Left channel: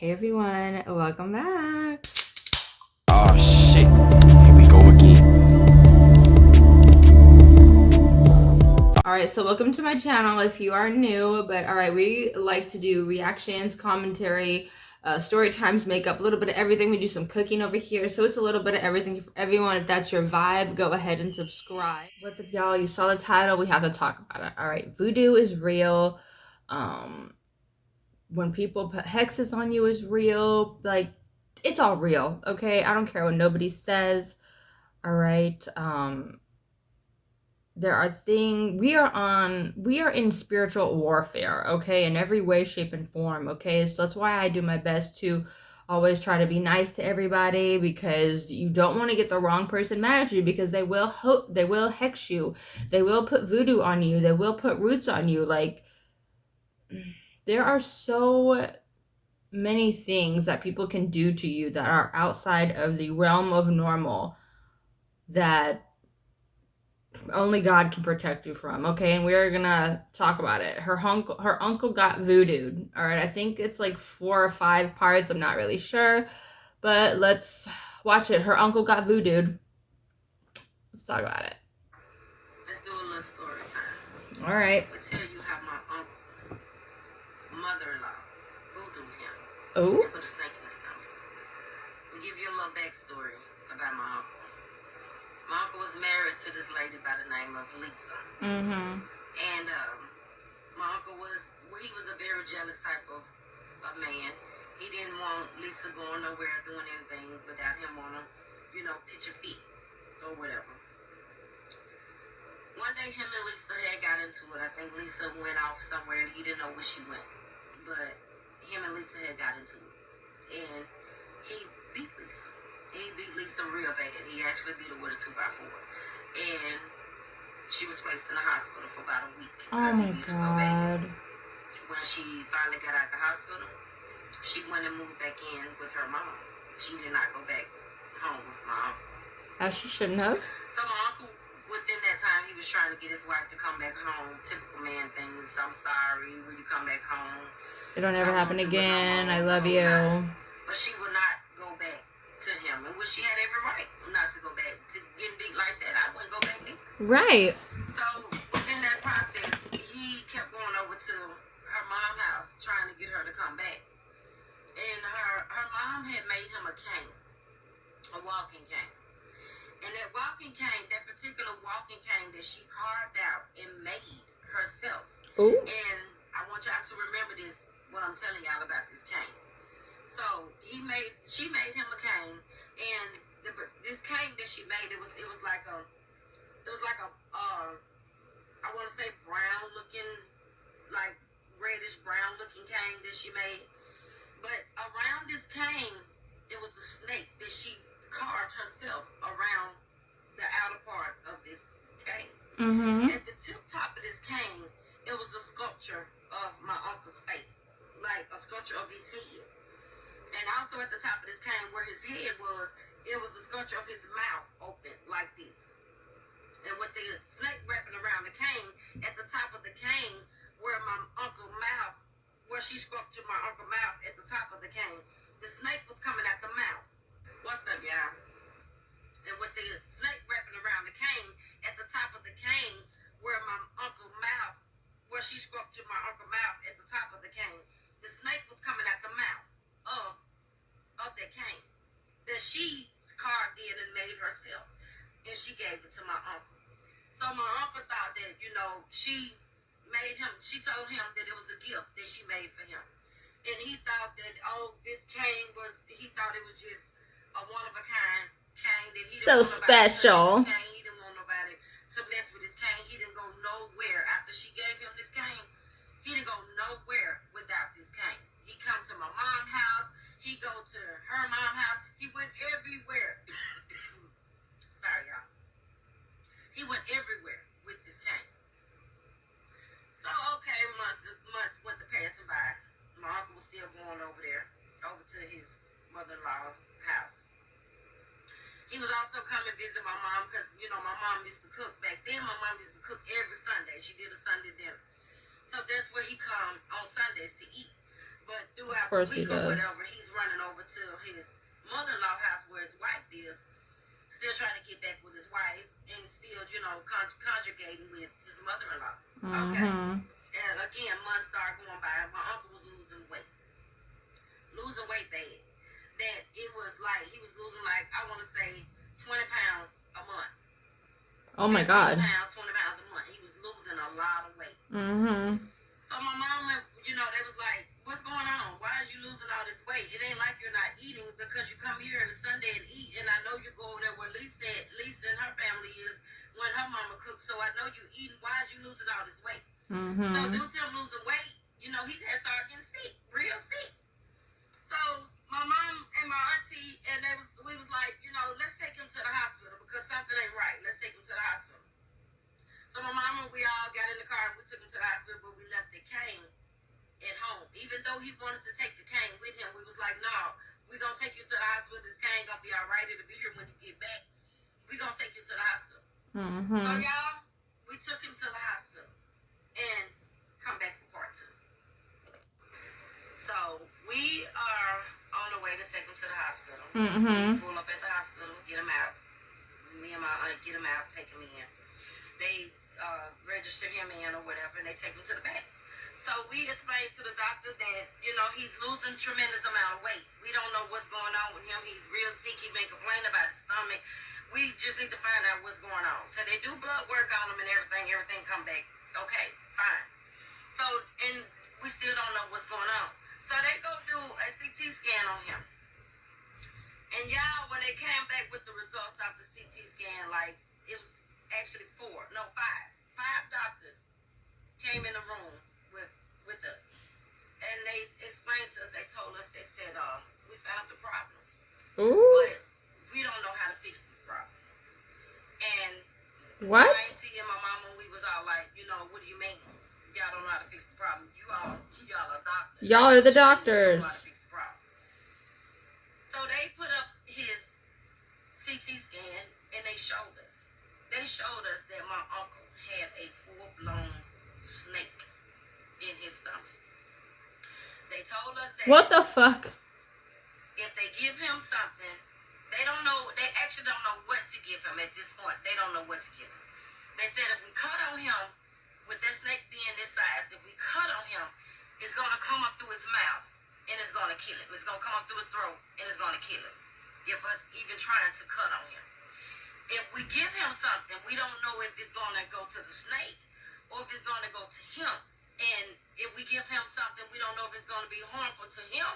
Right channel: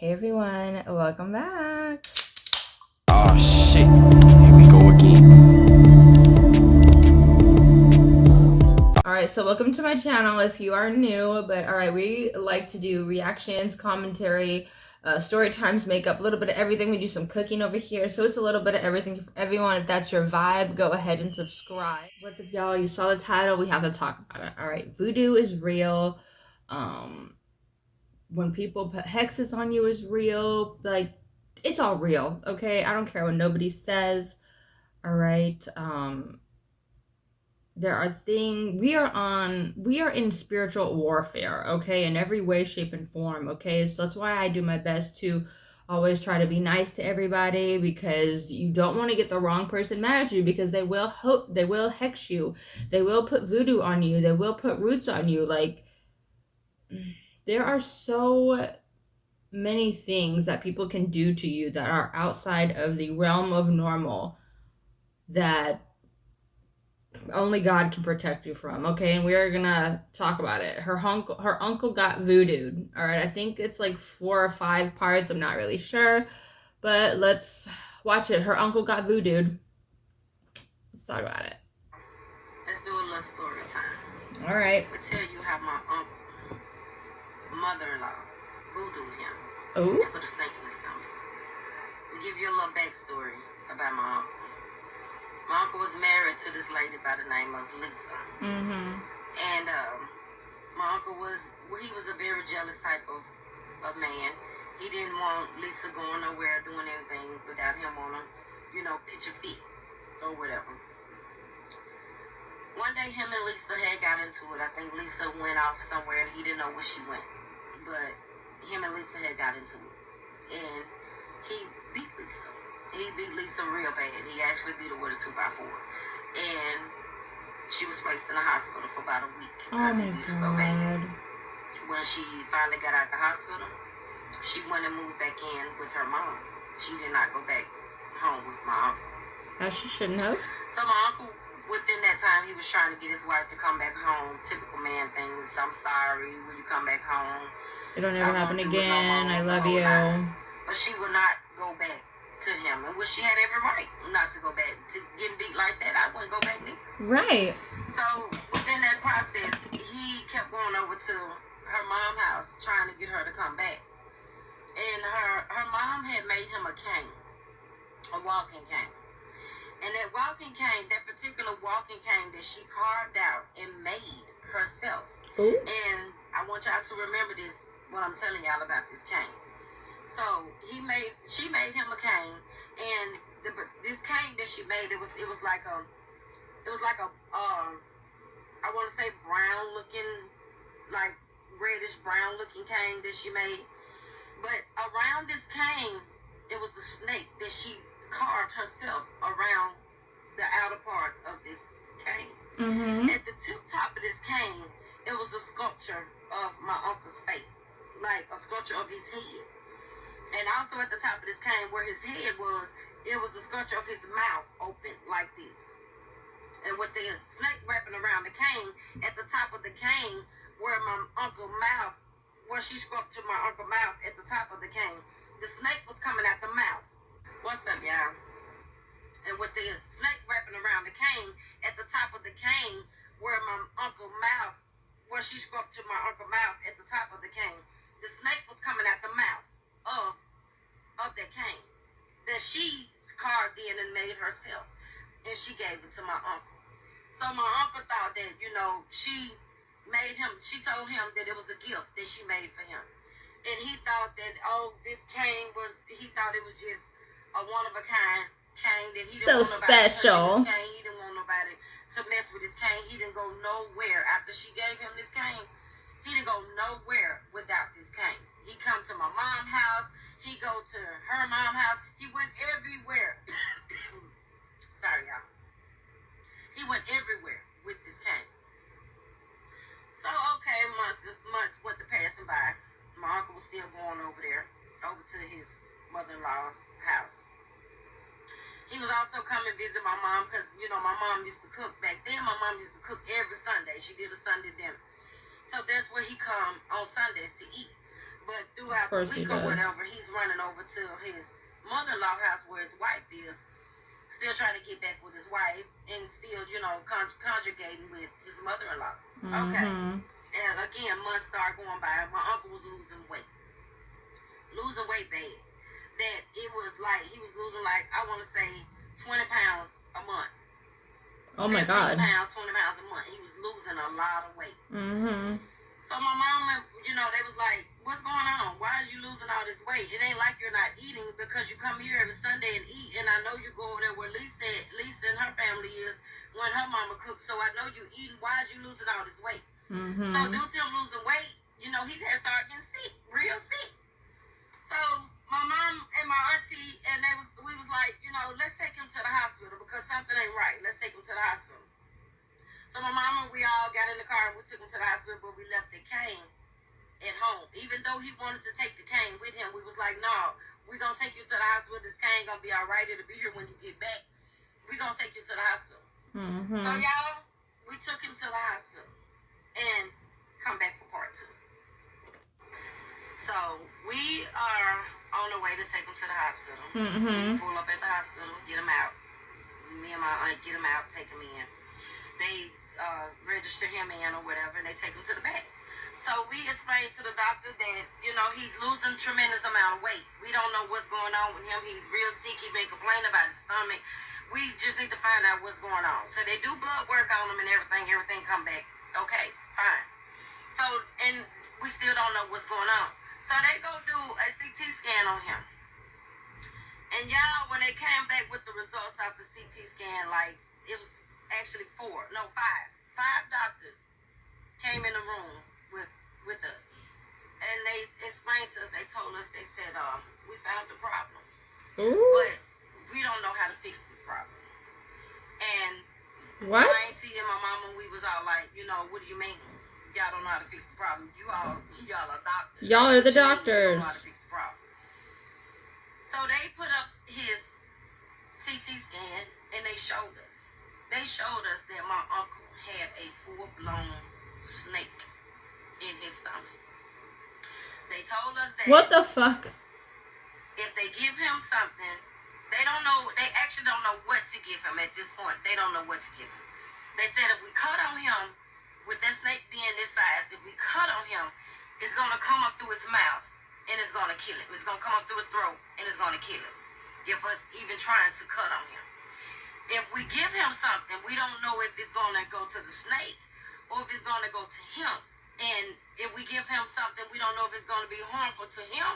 Hey everyone, welcome back. Oh shit, here we go again. Alright, so welcome to my channel if you are new, but alright, we like to do reactions, commentary, story times, makeup, a little bit of everything. We do some cooking over here, so it's a little bit of everything for everyone. If that's your vibe, go ahead and subscribe. What's up, y'all? You saw the title, we have to talk about it. Alright, voodoo is real. When people put hexes on you is real. Like, it's all real, okay? I don't care what nobody says. All right. There are things we are in spiritual warfare, okay, in every way, shape, and form, okay? So that's why I do my best to always try to be nice to everybody, because you don't want to get the wrong person mad at you, because they will hex you, they will put voodoo on you, they will put roots on you. Like, there are so many things that people can do to you that are outside of the realm of normal that only God can protect you from, okay? And we're gonna talk about it. Her uncle got voodooed. All right, I think it's like 4 or 5 parts. I'm not really sure, but let's watch it. Her uncle got voodooed. Let's talk about it. Let's do a little story time. All right. I'll tell you how my uncle, mother-in-law, voodooed him. Oh. And put a snake in his stomach. We'll give you a little backstory about my uncle. My uncle was married to this lady by the name of Lisa. Mm-hmm. And my uncle was a very jealous type of man. He didn't want Lisa going nowhere, doing anything without him on her, pitch a fit or whatever. One day him and Lisa had got into it. I think Lisa went off somewhere and he didn't know where she went. But him and Lisa had got into it. And he beat Lisa. He beat Lisa real bad. He actually beat her with a 2x4. And she was placed in the hospital for about a week. Oh my God. So bad. When she finally got out of the hospital, she went and moved back in with her mom. She did not go back home with my uncle. As she shouldn't have. So my uncle, within that time, he was trying to get his wife to come back home. Typical man things. I'm sorry. Will you come back home? It don't ever happen again. I love you. But she would not go back to him. And she had every right not to go back. To getting beat like that, I wouldn't go back either. Right. So within that process, he kept going over to her mom's house, trying to get her to come back. And her mom had made him a cane, a walking cane. And that walking cane, that particular walking cane that she carved out and made herself. Ooh. And I want y'all to remember this when I'm telling y'all about this cane. So she made him a cane, and this cane that she made, it was like a I want to say brown looking, like reddish brown looking cane that she made. But around this cane, it was a snake that she carved herself around the outer part of this cane. Mm-hmm. At the top of this cane, it was a sculpture of my uncle's face, like a sculpture of his head. And also at the top of this cane, where his head was, it was a sculpture of his mouth open like this. And with the snake wrapping around the cane, at the top of the cane, where my uncle's mouth, where she sculpted my uncle's mouth at the top of the cane, the snake was coming out the mouth. What's up, y'all? And with the snake wrapping around the cane, at the top of the cane, where my uncle's mouth, where she sculpted my uncle's mouth at the top of the cane, the snake was coming out the mouth of that cane that she carved in and made herself, and she gave it to my uncle. So my uncle thought that, she told him that it was a gift that she made for him. And he thought that, this cane he thought it was just a one-of-a-kind cane that he didn't so want nobody special. to touch his cane. He didn't want nobody to mess with his cane. He didn't go nowhere after she gave him this cane. He didn't go nowhere without this cane. He come to my mom's house. He go to her mom's house. He went everywhere. Sorry, y'all. He went everywhere with this cane. So, okay, months went to passing by. My uncle was still going over there, over to his mother-in-law's house. He was also coming visit my mom because, my mom used to cook. Back then, my mom used to cook every Sunday. She did a Sunday dinner. So that's where he come on Sundays to eat. But Of throughout the course he week or does. whatever, he's running over to his mother-in-law's house where his wife is, still trying to get back with his wife, and still, you know, conjugating with his mother-in-law. Okay. Mm-hmm. And again, months start going by. My uncle was losing weight bad. That it was like he was losing, like, I want to say 20 pounds a month. Oh my 15 God. pounds, 20 pounds a month. He was losing a lot of weight. Mm-hmm. So my mom, you know, they was like, what's going on? Why is you losing all this weight? It ain't like you're not eating, because you come here every Sunday and eat, and I know you go over there where Lisa and her family is when her mama cooks, so I know you eating. Why is you losing all this weight? Mm-hmm. So due to him losing weight, you know, he had started getting sick, real sick. So my mom and my auntie, and we was like, you know, let's take him to the hospital because something ain't right. Let's take him to the hospital. So my mom and we all got in the car and we took him to the hospital, but we left the cane at home. Even though he wanted to take the cane with him, we was like, no, we're going to take you to the hospital. This cane going to be all right. It'll be here when you get back. We're going to take you to the hospital. Mm-hmm. So, y'all, we took him to the hospital and come back for part 2. So, we are on the way to take him to the hospital. Mm-hmm. We pull up at the hospital, get him out. Me and my aunt get him out, take him in. They register him in or whatever, and they take him to the back. So we explained to the doctor that, you know, he's losing tremendous amount of weight. We don't know what's going on with him. He's real sick. He's been complaining about his stomach. We just need to find out what's going on. So they do blood work on him and everything. Everything come back. Okay, fine. So, and we still don't know what's going on. So they go do a CT scan on him. And y'all, when they came back with the results of the CT scan, like, it was actually 5 doctors came in the room with us, and they explained to us. They told us, they said, we found the problem, Ooh. but we don't know how to fix this problem. And What? my auntie and my mama, we was all like, you know, what do you mean y'all don't know how to fix the problem? Y'all are doctors. Y'all are the What you mean you don't doctors. know how to fix the problem? So they put up his CT scan and they showed us. They showed us that my uncle had a full-blown snake in his stomach. They told us that What the fuck? if they give him something, they don't know. They actually don't know what to give him at this point. They don't know what to give him. They said if we cut on him, with that snake being this size, if we cut on him, it's gonna come up through his mouth and it's gonna kill him. It's gonna come up through his throat and it's gonna kill him. If us even trying to cut on him. If we give him something, we don't know if it's gonna go to the snake or if it's gonna go to him. And if we give him something, we don't know if it's gonna be harmful to him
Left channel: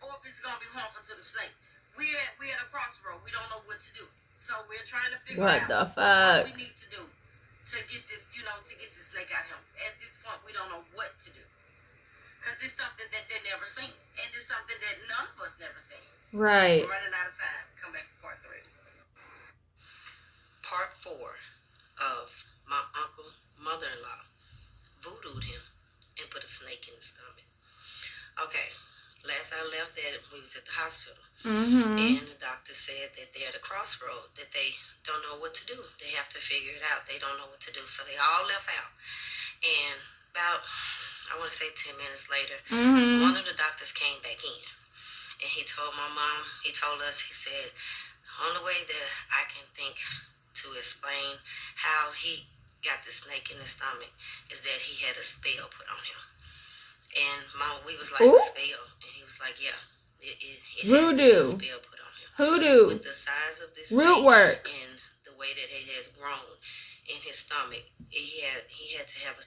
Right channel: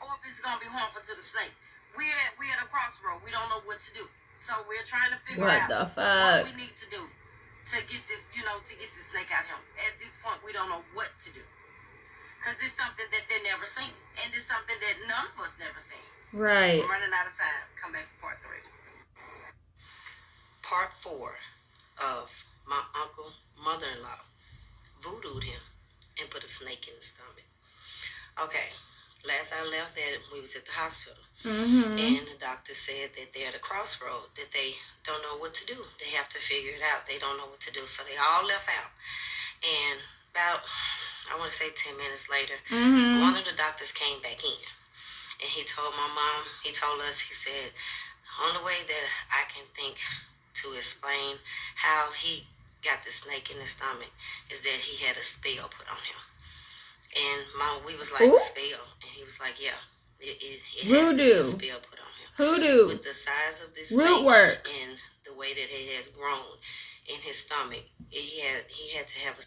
or if it's gonna be harmful to the snake. We at a crossroad. We don't know what to do. So we're trying to figure What out the what fuck? we need to do to get this, you know, to get this snake out of him. At this point, we don't know what to do. Because it's something that they never seen. And it's something that none of us never seen. Right. We're running out of time. Come back for part 3. Part 4 of my uncle, mother-in-law, voodooed him and put a snake in his stomach. Okay, last I left that, we was at the hospital. Mm-hmm. And the doctor said that they're at a crossroad, that they don't know what to do. They have to figure it out. They don't know what to do. So they all left out. And about, I want to say 10 minutes later, one of the doctors came back in. And he told my mom, he told us, he said, the only way that I can think to explain how he got the snake in his stomach is that he had a spell put on him. And Mom, we was like, Ooh. a spell? And he was like, yeah. It Voodoo. has to be a spell put on him. Hoodoo. With the size of this Root snake work. and the way that it has grown in his stomach, he had to have a...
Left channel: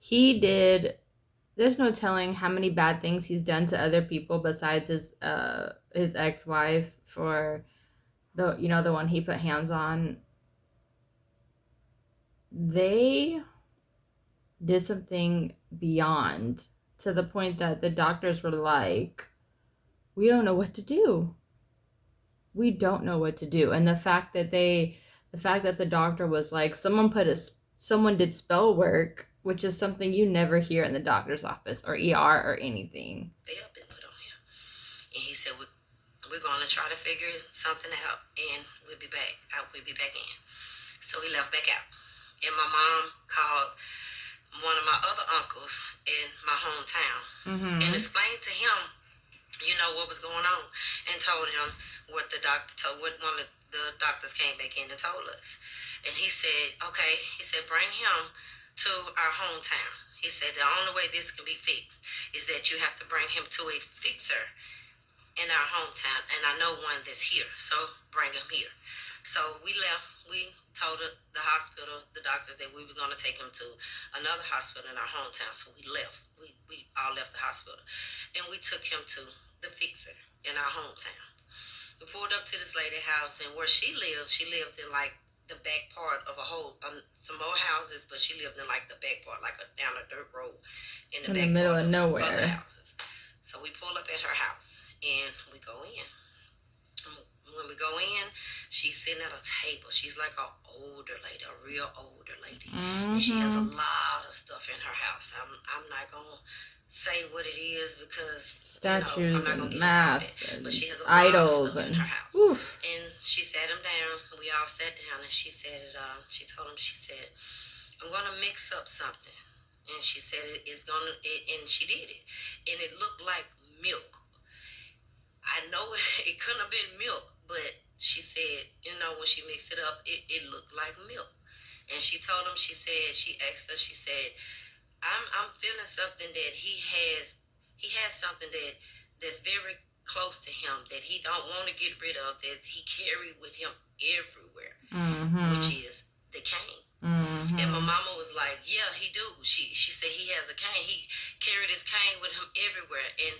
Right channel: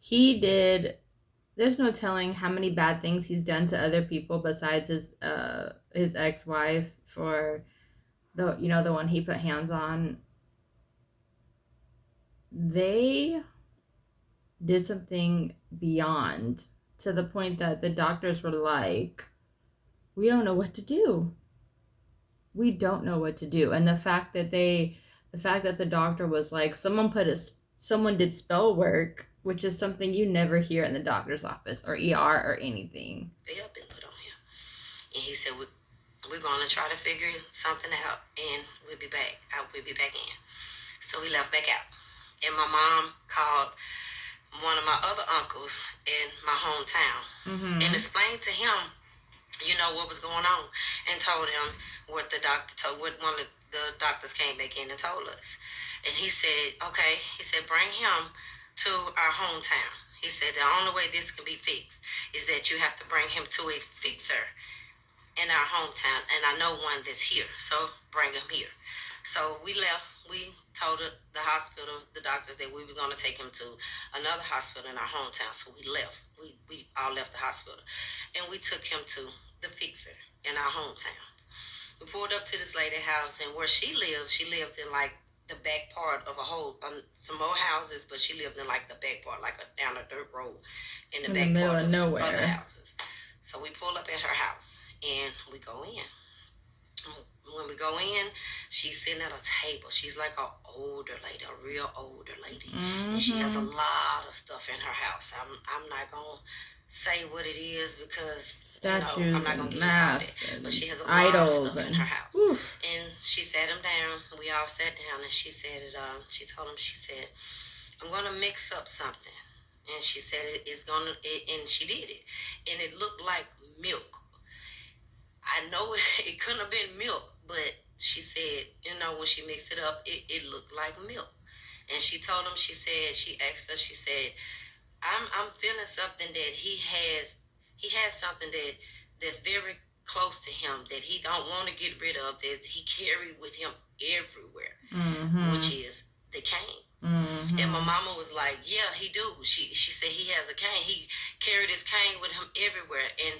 He did. There's no telling how many bad things he's done to other people besides his ex-wife for the one he put hands on. They did something beyond, to the point that the doctors were like, we don't know what to do. We don't know what to do. And the fact that the doctor was like, someone did spell work, which is something you never hear in the doctor's office or ER or anything. Spell been put on him. And he said, we're going to try to figure something out and we'll be back. We'll be back in. So he left back out. And my mom called one of my other uncles in my hometown Mm-hmm. and explained to him, you know, what was going on, and told him what the doctor told, what one of the doctors came back in and told us. And he said, okay, he said, bring him to our hometown. He said, the only way this can be fixed is that you have to bring him to a fixer in our hometown, and I know one that's here, so bring him here. So we left. We told the hospital, the doctor, that we were going to take him to another hospital in our hometown. So we left. We all left the hospital, and we took him to the fixer in our hometown. We pulled up to this lady's house, and where she lived in like the back part of a whole some more houses, but she lived in like the back part, like down a dirt road in the back middle part of of some other nowhere. houses. So we pull up at her house and we go in. When we go in, she's sitting at a table. She's like an older lady, a real older lady, and she has a lot of stuff in her house. I'm not gonna say what it is because Statues I'm not gonna and get masks into that. and But she has a idols lot of stuff in and her house. oof. And she sat him down. We all sat down, and she said, she told him, she said, I'm gonna mix up something. And she said and she did it, and it looked like milk. I know it couldn't have been milk, but she said, when she mixed it up, it looked like milk. And she told him, she asked her, she said, I'm feeling something that he has something that's very close to him that he don't want to get rid of, that he carry with him everywhere, which is the cane. And my mama was like, yeah, he do. She said he has a cane. He carried his cane with him everywhere. And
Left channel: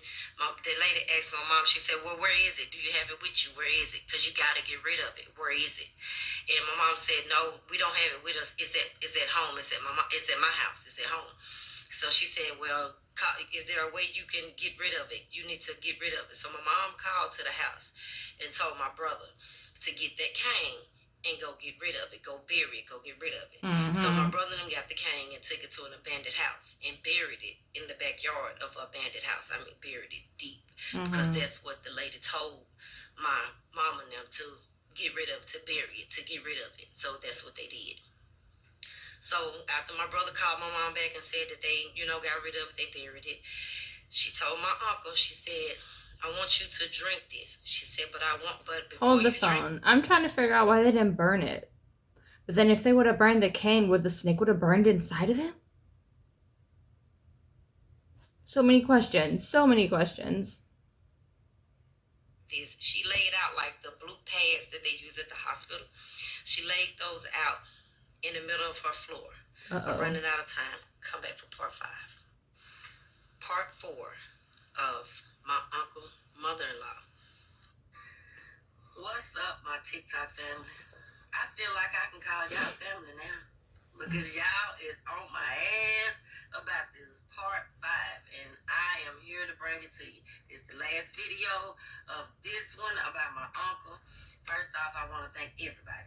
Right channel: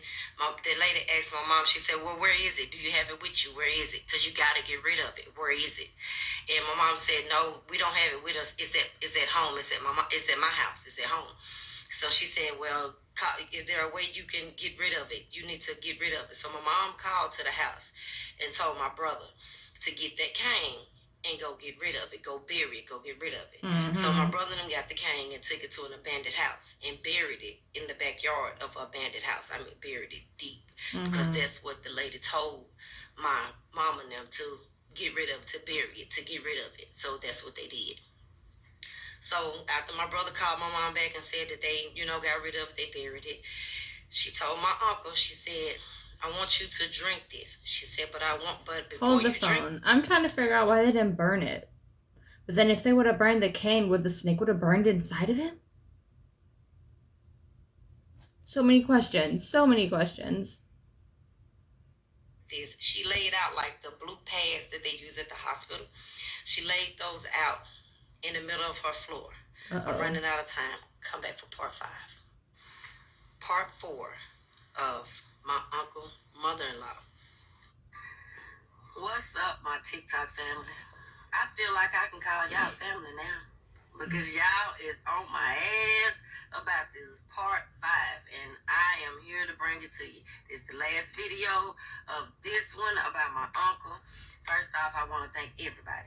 the lady asked my mom, she said, well, where is it? Do you have it with you? Where is it? Because you got to get rid of it. Where is it? And my mom said, no, we don't have it with us. It's at home. It's at my house. It's at home. So she said, well, is there a way you can get rid of it? You need to get rid of it. So my mom called to the house and told my brother to get that cane and go get rid of it, go bury it, go get rid of it. So my brother and them got the cane and took it to an abandoned house and buried it in the backyard of an abandoned house. I mean, buried it deep, because that's what the lady told my mom and them to get rid of, to bury it, to get rid of it. So that's what they did. So after my brother called my mom back and said that they, got rid of it, they buried it, she told my uncle, she said, I want you to drink this. She said, but before Hold the you phone. drink. I'm trying to figure out why they didn't burn it. But then if they would have burned the cane, would the snake would have burned inside of him? So many questions. So many questions. She laid out like the blue pads that they use at the hospital. She laid those out in the middle of her floor. I'm running out of time. Come back for part 5. Part 4 of my uncle, mother-in-law. What's up, my TikTok family? I feel like I can call y'all family now, because y'all is on my ass about this part 5, and I am here to bring it to you. It's the last video of this one about my uncle. First off, I want to thank everybody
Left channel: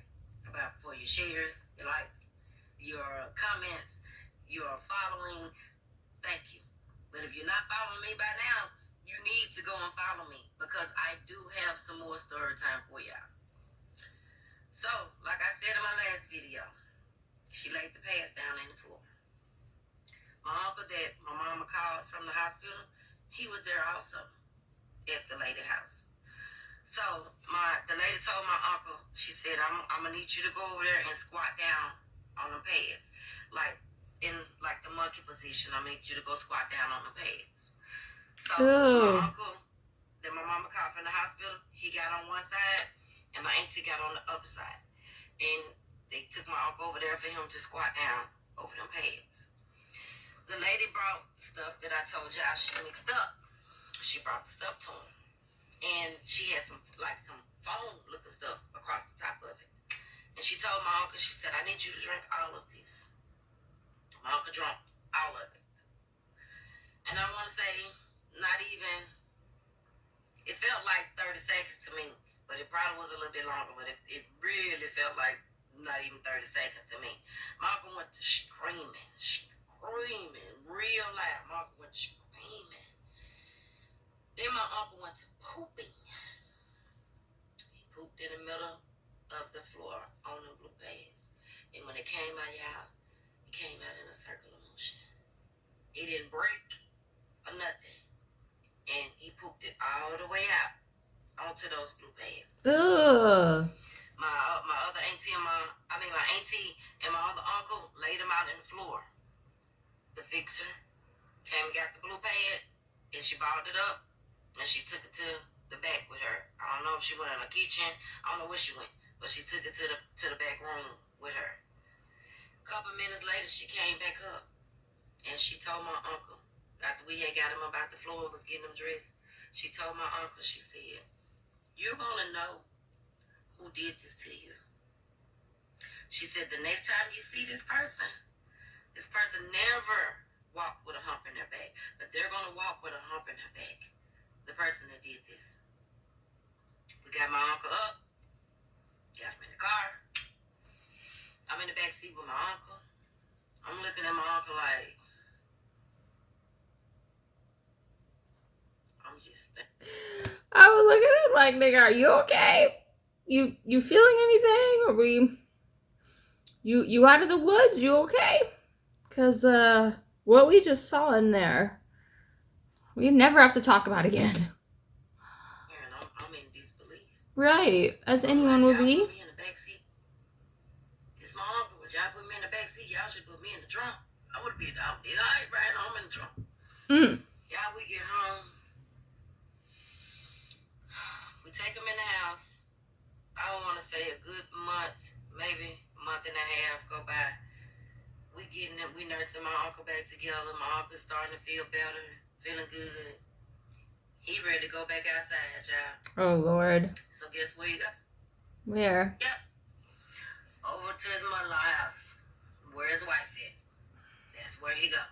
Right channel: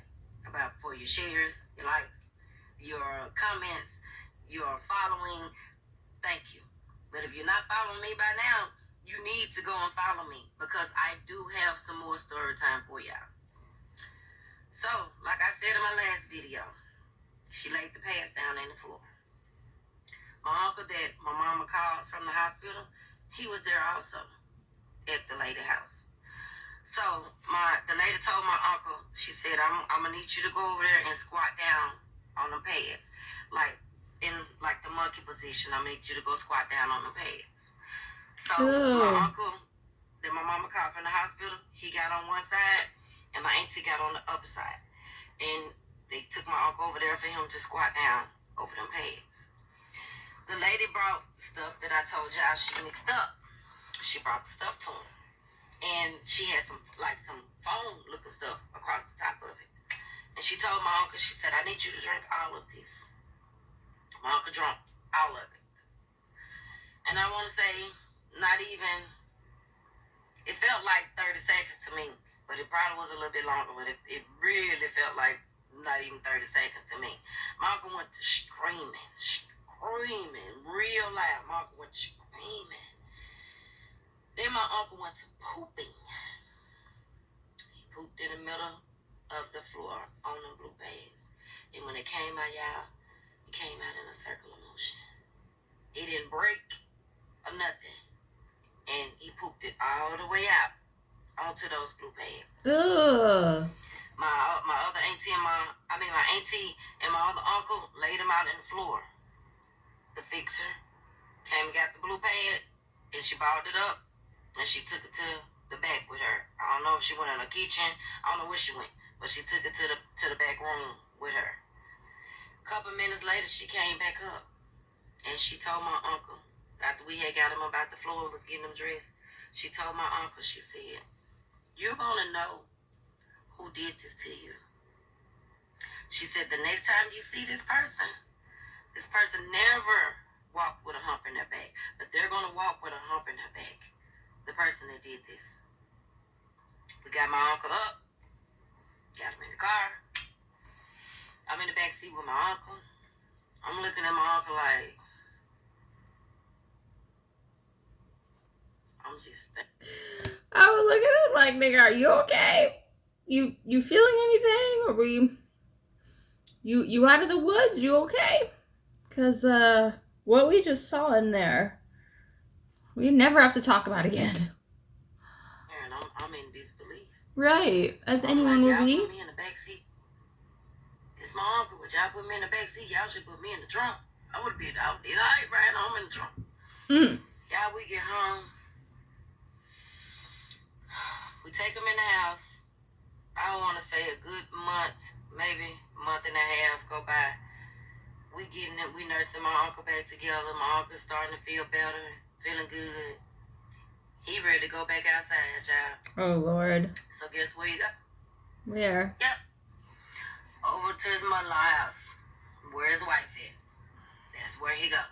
for your shares, your likes, your comments, your following. Thank you. But if you're not following me by now, you need to go and follow me, because I do have some more story time for y'all. So, like I said in my last video, she laid the pads down in the floor. My uncle that my mama called from the hospital, he was there also at the lady house. So the lady told my uncle, she said, I'm gonna need you to go over there and squat down on the pads, like in like the monkey position. I'm gonna need you to go squat down on the pads. So my uncle that my mama called from the hospital, he got on one side and my auntie got on the other side. And they took my uncle over there for him to squat down over them pads. The lady brought stuff that I told y'all she mixed up. She brought the stuff to him. And she had some foam looking stuff across the top of it. And she told my uncle, she said, I need you to drink all of this. My uncle drank all of it. And I want to say, not even, it felt like 30 seconds to me, but it probably was a little bit longer, but it really felt like not even 30 seconds to me. My uncle went to screaming real loud. My uncle went to screaming. Then my uncle went to pooping. He pooped in the middle of the floor on the blue pads. And when it came out, y'all, it came out in a circle of motion. It didn't break or nothing. And he pooped it all the way out onto those blue pads. Ugh. My other auntie and my auntie and my other uncle laid him out in the floor. The fixer came and got the blue pad, and she balled it up, and she took it to the back with her. I don't know if she went in the kitchen. I don't know where she went, but she took it to the back room with her. A couple minutes later, she came back up, and she told my uncle, after we had got him about the floor and was getting him dressed, she told my uncle, she said, "You're gonna know who did this to you." She said, "The next time you see this person never walked with a hump in their back, but they're gonna walk with a hump in their back. The person that did this." We got my uncle up, got him in the car. I'm in the back seat with my uncle. I'm looking at my uncle like, I'm just thinking. I was looking at it like, nigga, are you okay? You feeling anything? Or were you out of the woods? You okay? Cause what we just saw in there, we never have to talk about again. And I'm in disbelief. Right, as I'm anyone like, would y'all be. put me in the back seat. It's my uncle, but y'all put me in the back seat. Y'all should put me in the trunk. I would be out. I ain't riding home in the trunk. Y'all, we get home. We take him in the house. I don't want to say a good month, maybe a month and a half go by. We nursing my uncle back together. My uncle's starting to feel better, feeling good. He ready to go back outside, y'all. Oh Lord. So guess where he go? Where? Yep. Over to his mother-in-law's house. Where his wife at? That's where he go.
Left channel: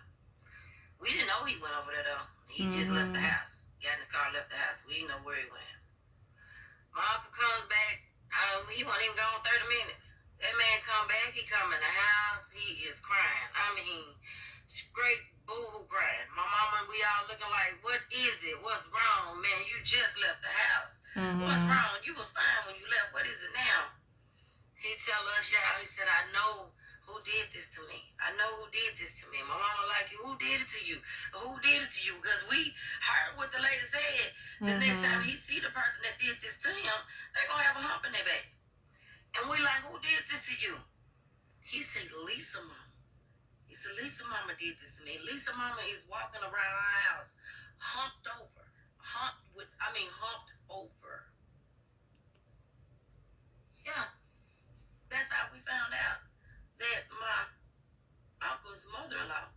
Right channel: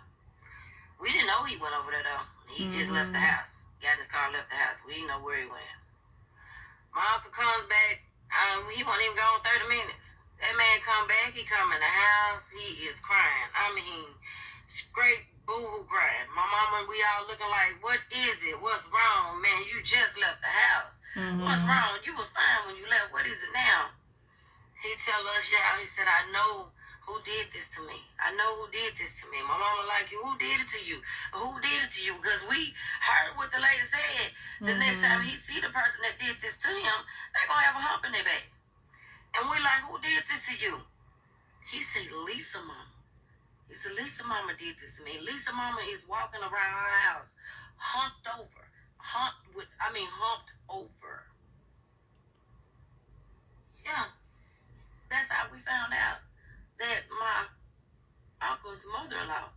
We didn't know he went over there though. He just left the house. Got in his car and left the house. We didn't know where he went. My uncle comes back. He wasn't even gone 30 minutes. That man come back. He come in the house. He is crying. I mean, straight boo-hoo crying. My mama and we all looking like, what is it? What's wrong, man? You just left the house. What's wrong? You was fine when you left. What is it now? He tell us, y'all, he said, I know who did this to me. I know who did this to me. My mama like, who did it to you? Who did it to you? Because we heard what the lady said. The next time he see the person that did this to him, they going to have a hump in their back. And we like, who did this to you? He said, Lisa mama. He said, Lisa mama did this to me. Lisa mama is walking around our house, humped over. Humped over. Yeah. That's how we found out that my uncle's mother-in-law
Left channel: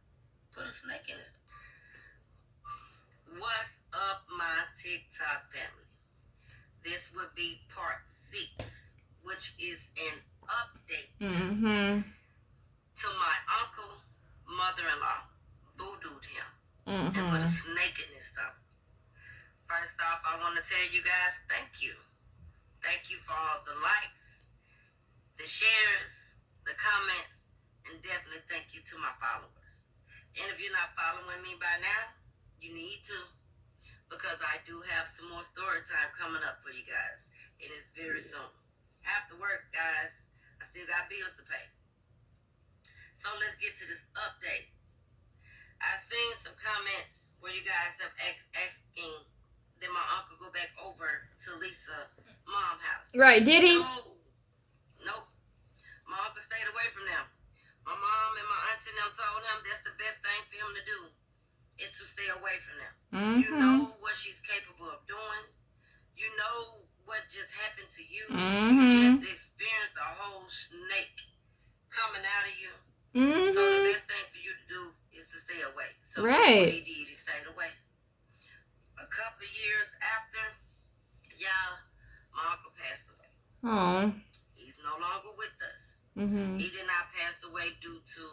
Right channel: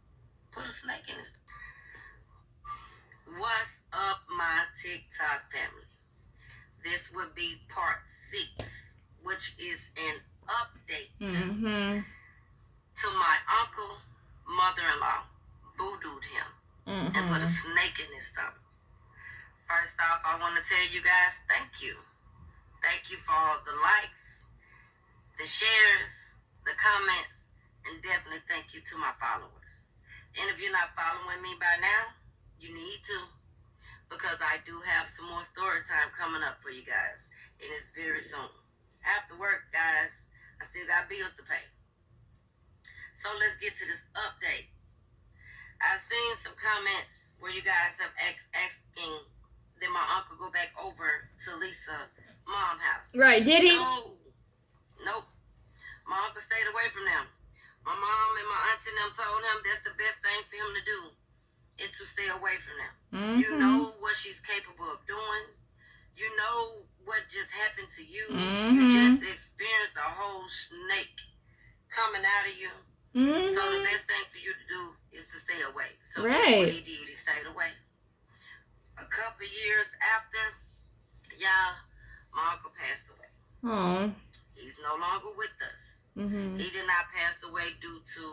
put a snake in his. What's up, my TikTok family? This would be part 6, which is an update to my uncle mother-in-law voodooed him and put a snake in his stomach. First off, I want to tell you guys thank you. Thank you for all the likes, the shares, the comments, and definitely thank you to my followers. And if you're not following me by now, you need to, because I do have some more story time coming up for you guys, and it's very soon. After work, guys, I still got bills to pay. So let's get to this update. I've seen some comments where you guys have asking that my uncle go back over to Lisa's mom's house. Right, did he? Nope. My uncle stayed away from them. My mom and my auntie and them told him that's the best thing for him to do is to stay away from them. You know what she's capable of doing. You know what just happened to you. You just experienced a whole snake coming out of you. So the best thing for you to do is to stay away. So that's what he did. He stayed away. A couple of years after, y'all, my uncle passed away. Oh. He's no longer with us. He did not pass away due to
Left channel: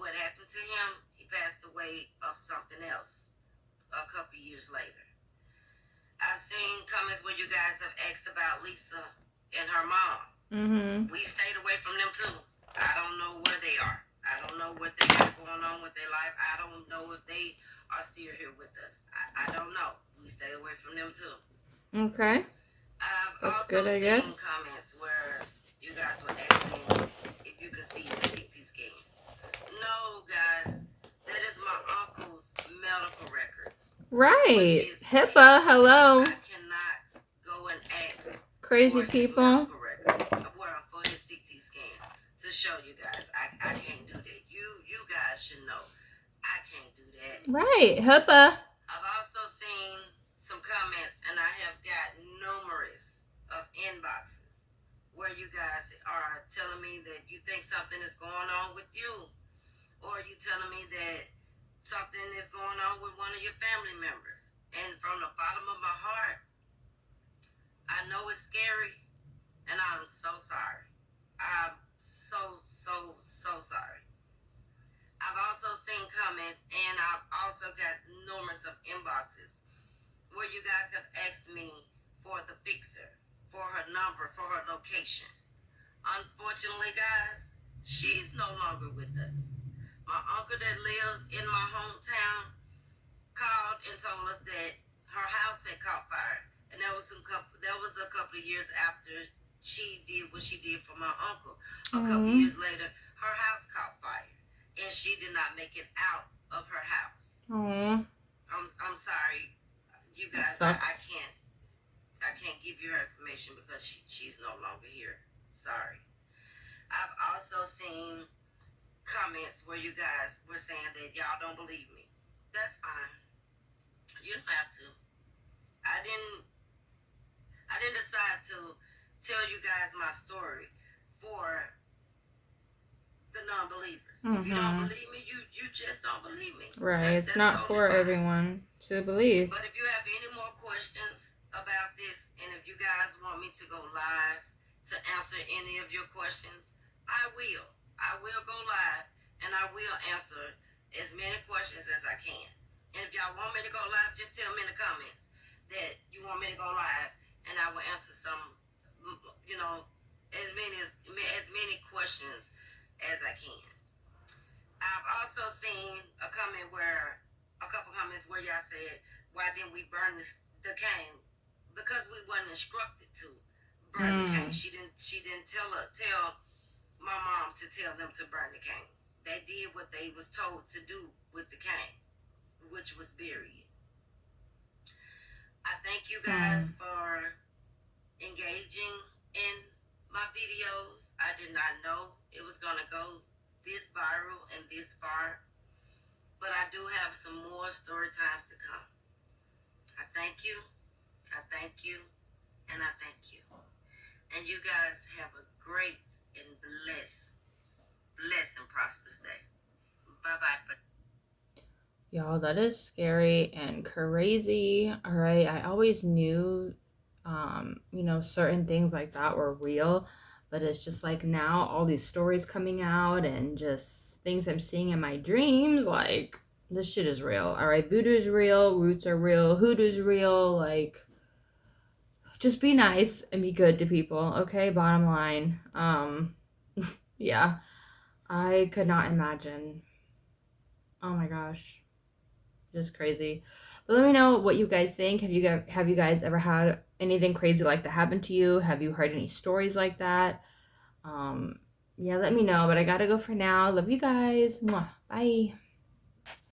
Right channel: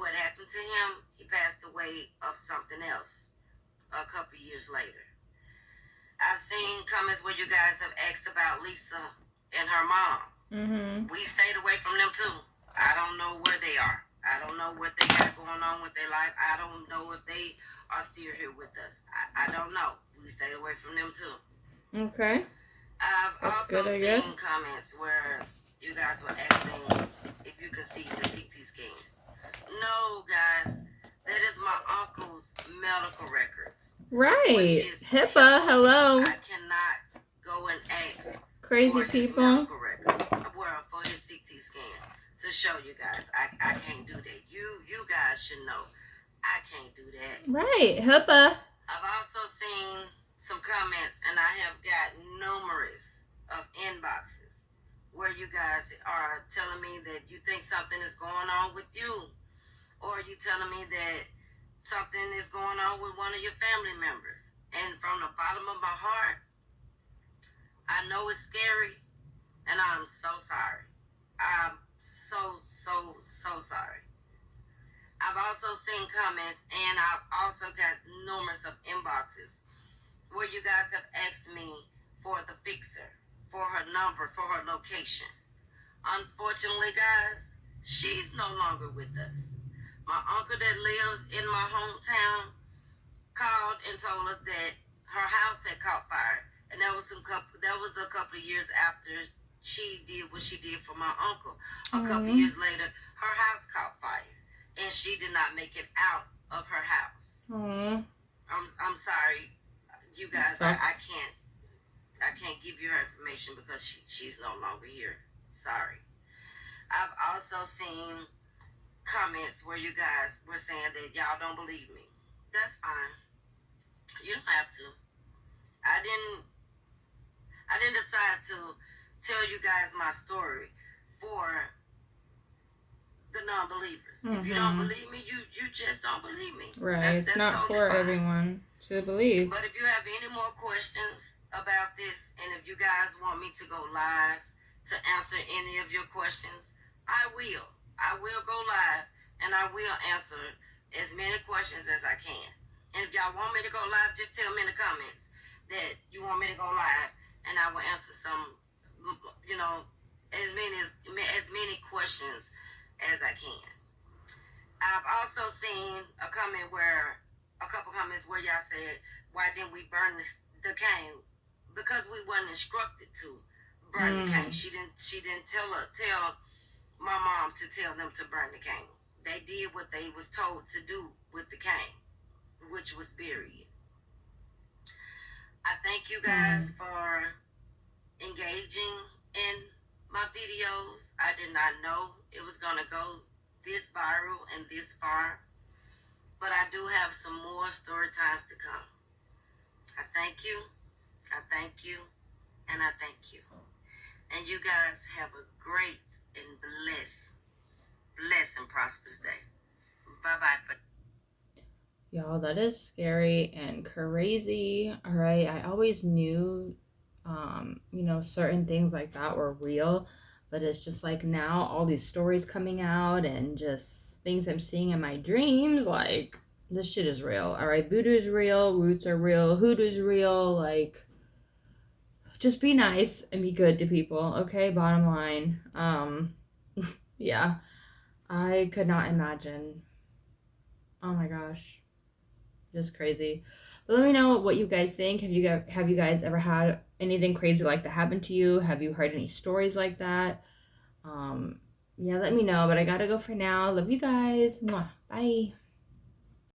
what happened to him. He passed away of something else a couple years later. I've seen comments where you guys have asked about Lisa and her mom. We stayed away from them too. I don't know where they are. I don't know what they got going on with their life. I don't know if they are still here with us. I don't know. We stayed away from them too. Okay. I've That's also good, I guess. seen comments where you guys were asking if you could see the CT scan. No, guys, that is my uncle's medical records. Right. HIPAA, hello. I cannot go and ask Crazy for people. his medical record, for his CT scan to show you guys. I can't do that. You guys should know. I can't do that. Right. HIPAA. I've also seen some comments, and I have got numerous of inboxes where you guys are telling me that you think something is going on with you, or you telling me that something is going on with one of your family members. And from the bottom of my heart, I know it's scary, and I'm so sorry. I'm so sorry. I've also seen comments, and I've also got numerous of inboxes where you guys have asked me for the fixer, for her number, for her location. Unfortunately, guys, she's no longer with us. My uncle that lives in my hometown called and told us that her house had caught fire, and that was a couple of years after she did what she did for my uncle. A couple of years later, her house caught fire, and she did not make it out of her house. I'm sorry, you guys. I can't give you her information because she's no longer here. Sorry. I've also seen comments where you guys were saying that y'all don't believe me. That's fine. You don't have to. I didn't decide to tell you guys my story for the non-believers. If you don't believe me, you just don't believe me. Right. It's not totally for fine. Everyone to believe. But if you have any more questions about this, and if you guys want me to go live to answer any of your questions, I will. I will go live, and I will answer as many questions as I can. And if y'all want me to go live, just tell me in the comments that you want me to go live, and I will answer some, as many questions as I can. I've also seen a couple comments where y'all said, why didn't we burn the cane? Because we weren't instructed to burn the cane. She didn't tell my mom to tell them to burn the cane. They did what they was told to do with the cane, which was bury it. I thank you guys for engaging in my videos. I did not know it was going to go this viral and this far, but I do have some more story times to come. I thank you, and I thank you. And you guys have a great and blessed and prosperous day. Bye-bye. Y'all, that is scary and crazy. All right, I always knew, certain things like that were real, but it's just like now all these stories coming out and just things I'm seeing in my dreams, like this shit is real. All right, voodoo is real, roots are real, hoodoo's real. Like, just be nice and be good to people, okay? Bottom line. Yeah, I could not imagine. Oh my gosh, just crazy. But let me know what you guys think. Have you guys ever had anything crazy like that happen to you? Have you heard any stories like that? Yeah, let me know. But I gotta go for now. Love you guys. Mwah. Bye.